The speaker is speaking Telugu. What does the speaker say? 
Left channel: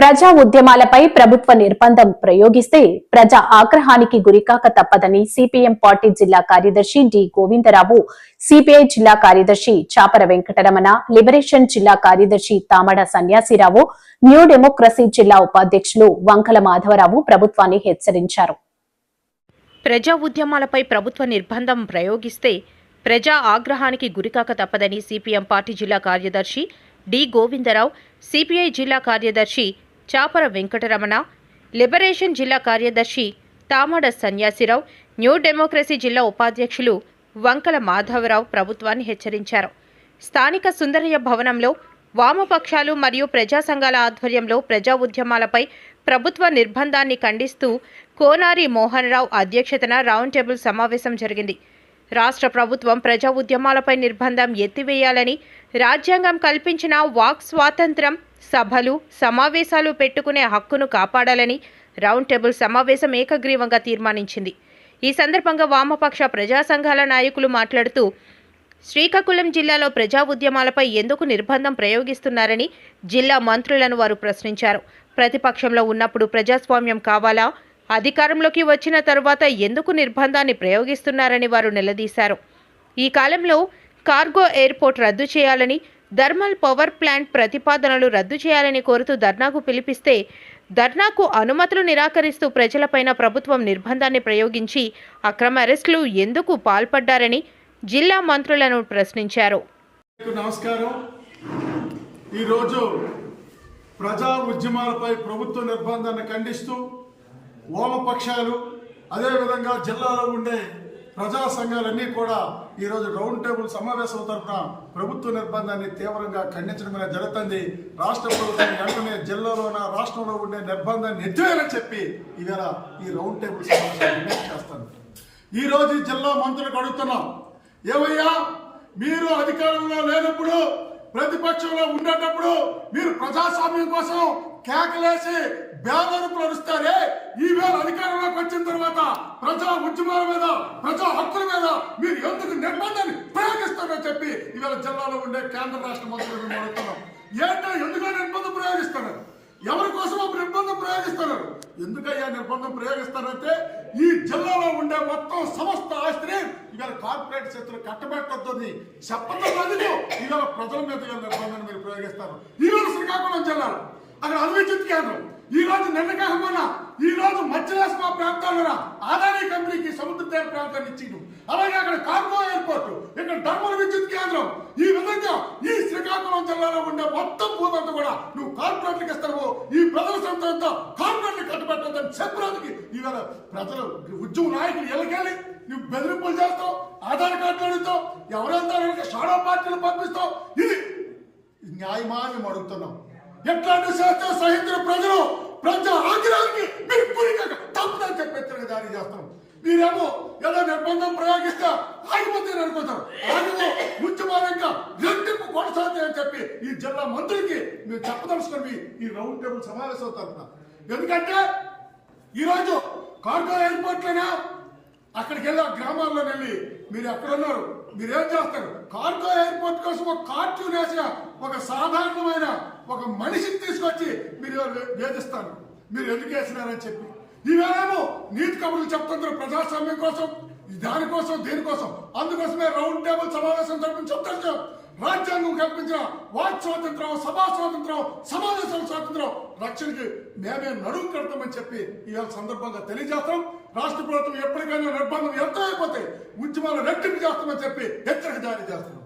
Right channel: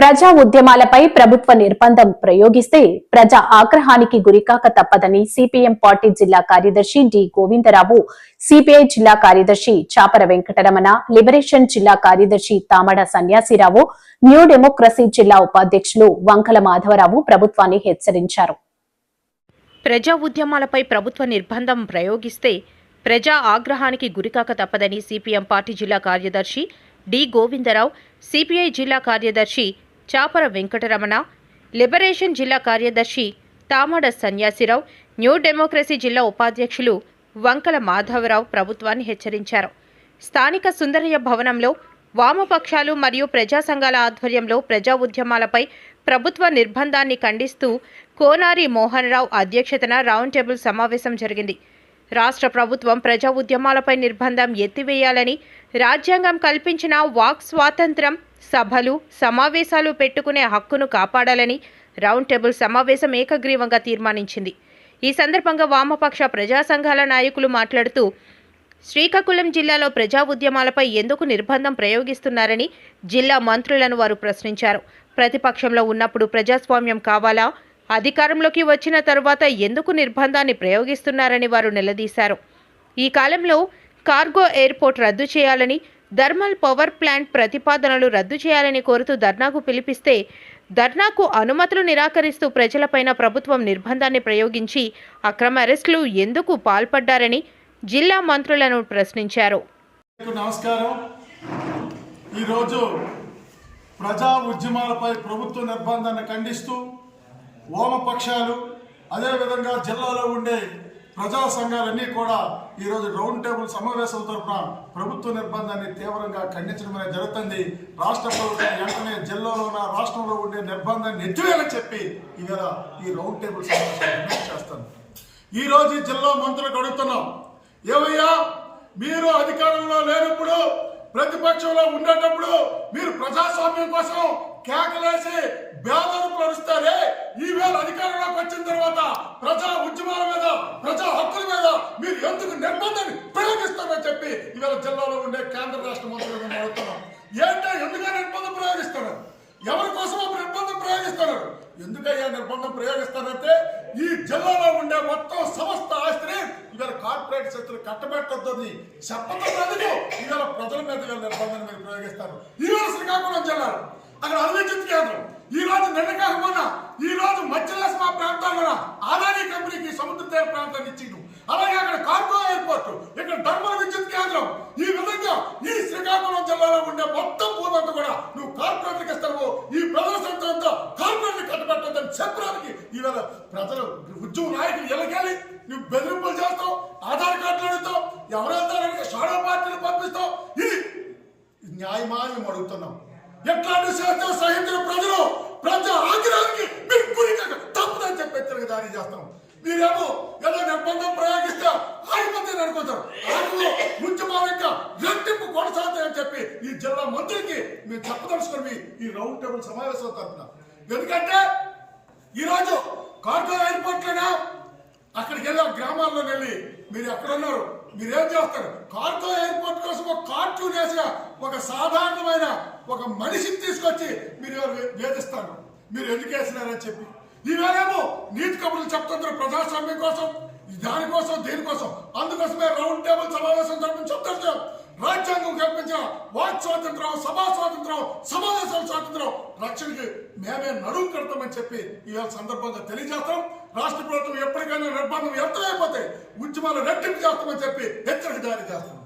ప్రజా ఉద్యమాలపై ప్రభుత్వ నిర్బంధం ప్రయోగిస్తే ప్రజా ఆగ్రహానికి గురికాక తప్పదని సిపిఎం పార్టీ జిల్లా కార్యదర్శి డి గోవిందరావు, సిపిఐ జిల్లా కార్యదర్శి చాపర వెంకటరమణ, లిబరేషన్ జిల్లా కార్యదర్శి తామడ సన్యాసిరావు, న్యూ డెమోక్రసీ జిల్లా ఉపాధ్యక్షులు వంకల మాధవరావు ప్రభుత్వాన్ని హెచ్చరించారు. ప్రజా ఉద్యమాలపై ప్రభుత్వ నిర్బంధం ప్రయోగిస్తే ప్రజా ఆగ్రహానికి గురికాక తప్పదని సిపిఎం పార్టీ జిల్లా కార్యదర్శి డి గోవిందరావు, సిపిఐ జిల్లా కార్యదర్శి చాపర వెంకటరమణ, లిబరేషన్ జిల్లా కార్యదర్శి తామడ సన్యాసిరావు, న్యూ డెమోక్రసీ జిల్లా ఉపాధ్యక్షులు వంకల మాధవరావు ప్రభుత్వాన్ని హెచ్చరించారు. స్థానిక సుందరయ్య భవనంలో వామపక్షాలు మరియు ప్రజా సంఘాల ఆధ్వర్యంలో ప్రజా ఉద్యమాలపై ప్రభుత్వ నిర్బంధాన్ని ఖండిస్తూ కోనారి మోహన్ రావు అధ్యక్షతన రౌండ్ టేబుల్ సమావేశం జరిగింది. రాష్ట్ర ప్రభుత్వం ప్రజా ఉద్యమాలపై నిర్బంధం ఎత్తివేయాలని, రాజ్యాంగం కల్పించిన వాక్ స్వాతంత్ర్యం, సభలు, సమావేశాలు పెట్టుకునే హక్కును కాపాడాలని రౌండ్ టేబుల్ సమావేశం ఏకగ్రీవంగా తీర్మానించింది. ఈ సందర్భంగా వామపక్ష ప్రజా సంఘాల నాయకులు మాట్లాడుతూ శ్రీకాకుళం జిల్లాలో ప్రజా ఉద్యమాలపై ఎందుకు నిర్బంధం ప్రయోగిస్తున్నారని జిల్లా మంత్రులను వారు ప్రశ్నించారు. ప్రతిపక్షంలో ఉన్నప్పుడు ప్రజాస్వామ్యం కావాలా, అధికారంలోకి వచ్చిన తరువాత ఎందుకు నిర్బంధాన్ని ప్రయోగిస్తున్నారని వారు నిలదీశారు. ఈ కాలంలో కార్గో ఎయిర్పోర్ట్ రద్దు చేయాలని, థర్మల్ పవర్ ప్లాంట్ ప్రతిపాదనలు రద్దు చేయాలని కోరుతూ ధర్నాకు పిలిపిస్తే ధర్నాకు అనుమతులు నిరాకరిస్తూ ప్రజలపైన ప్రభుత్వం నిర్బంధాన్ని ప్రయోగించి అక్రమ అరెస్టులు ఎందుకు పాల్పడ్డారని జిల్లా మంత్రులను ప్రశ్నించారు. నమస్కారం. ఈరోజు ప్రజా ఉద్యమాలపై ప్రభుత్వ నిర్బంధాన్ని ఖండిస్తూ వామపక్షాలు, అదేవిధంగా జిల్లాలో ఉండే ప్రజా సంఘాలన్నీ కూడా ఈరోజు రౌండ్ టేబుల్ సమావేశం తరఫున ప్రభుత్వ నిర్బంధాన్ని తీవ్రంగా ఖండించడం అనేది జరుగుతుంది. రాష్ట్ర ప్రభుత్వం వెంటనే జిల్లాలోన రాష్ట్రంలో ఉండే నిర్బంధాన్ని ఎత్తివేయాలని చెప్పి ఇవాళ ఈ రౌండ్ టేబుల్ సమావేశం డిమాండ్ చేస్తాను. ఈరోజు ఈ జిల్లా మంత్రులకు అడుగుతున్నాం, ఏమయ్యా మీరు అధికారంలో లేనప్పుడు, ప్రతిపక్షంలో ఉండేటప్పుడు మీరు ప్రజాస్వామ్యం కోసం కేకలేసి బేదరుపులు అరుస్తారే, ఈవేళ అధికారంలోకి వచ్చిన తర్వాత ప్రజా ఉద్యమాల మీద, ప్రజా హక్కుల మీద మీరు ఎందుకు నిర్బంధాన్ని ప్రయోగిస్తారని చెప్పి ఇవాళ జిల్లాలో ఉండే కేంద్ర రాష్ట్ర మంత్రులను అడుగుతున్నాం. ఏంటో ఎందుకు నిర్బంధం ప్రయోగిస్తున్నారు? ఎవరి కోసం నిర్బంధం ప్రయోగిస్తున్నారు? ఎందుకయ్యా నిర్బంధం ప్రయోగిస్తారంటే ఈ జిల్లాలో ఉండే మొత్తం సమస్త ఆస్తిని ఇవాళ కార్పొరేట్ శక్తులు కట్టబెట్టద్దని చెప్పదందుకు ఇవాళ ప్రజల మీద ఇవాళ నిర్బంధాన్ని మీరు ప్రయోగిస్తారు. ఈవేళ శ్రీకాకుళం జిల్లాలో అక్కడ అభివృద్ధి కేంద్రం, ఈ రోజు నిన్నకాకపోయినా ఈ రోజు మధ్యరాష్ట్ర ప్రాంతాల్లో ఆదాని కంపెనీకి సముద్ర తీర ప్రాంతాన్ని ఇచ్చిండు. అలాగే అక్కడ కార్గో ఎయిర్పోర్ట్, ఇక్కడ ధర్మల్ విద్యుత్ కేంద్రం, ఈ విధంగా ఈ శ్రీకాకుళం జిల్లాలో ఉండే మొత్తం భూమి అంతా కూడా నువ్వు కార్పొరేట్లకు ఇస్తావు, ఈ ప్రజల సొంతంతో కార్పొరేట్లు కట్టబెట్టద్దని చెప్పడానికి ఈవేళ ప్రజలు ఉద్యమ నాయకులు ఎలాకెళ్ళి నువ్వు బెదిరింపులు చేస్తావు, ఆధార్ కార్డులు అడుగుతావు, ఎవరైనా షాడో పార్టీలు పంపిస్తావు. ఇది న్యాయమా అని మేము అడుగుతున్నాం. ఎట్లాంటి శాస్త్ర సహించిన ప్రజలు ప్రజా ఆగ్రహానికి మీరు గురికాక తప్పదని చెప్పి హెచ్చరిక జారీ చేస్తాం. మీరేమో ఏదో నిర్బంధం ప్రయోగిస్తే ఆగిపోతే అనుకుంటాం, ఆగిపో ఉద్యమాలు ఇంకా రెట్టింపు కొనసాగుతాయని చెప్పి ఈ జిల్లా మంత్రులకి మీరు చెప్పదలుచుకొని ఈ రౌండ్ టేబుల్ సమావేశం తరఫున. ఎందుకంటే ఈరోజు కార్గో ఎయిర్పోర్ట్లోనే అక్కడికి వెళ్ళి గ్రామాల్లో వెళ్ళి మీరు ఎక్కడున్నారు, మీరేం చేస్తారు? కార్గో ఎయిర్పోర్ట్ కోసం ఒక కార్టూన్ వేసిన ఒక సాధారణమైన ఒక మనిషిని తీసుకొచ్చి మీరు వేధిస్తారు. మీరు ఎందుకు వేసినారని చెప్పి ఈవేళేమో నీతి కబుర్లు చెప్తున్నారు ప్రజాస్వామ్యం కోసం, దానికోసం, దీనికోసం. అందుకోసమే రౌండ్ టేబుల్ సమావేశం జరిపి చెప్తారు. రాజ్యాంగం కల్పించిన వాక్ స్వాతంత్రం, సభా స్వాతంత్రం, సమావేశాల స్వాతంత్రం రక్షణకి మేమే నడుము కడతామని చెప్పి ఇవాళ సందర్భంగా తెలియజేస్తాం. రాష్ట్ర ప్రభుత్వం ఎప్పటికైనా నిర్బంధం ఎంత అయిపోతే ఉద్యమాలు రెట్టింపు చేస్తామని చెప్పి హెచ్చరిక జారీ చేస్తున్నాం.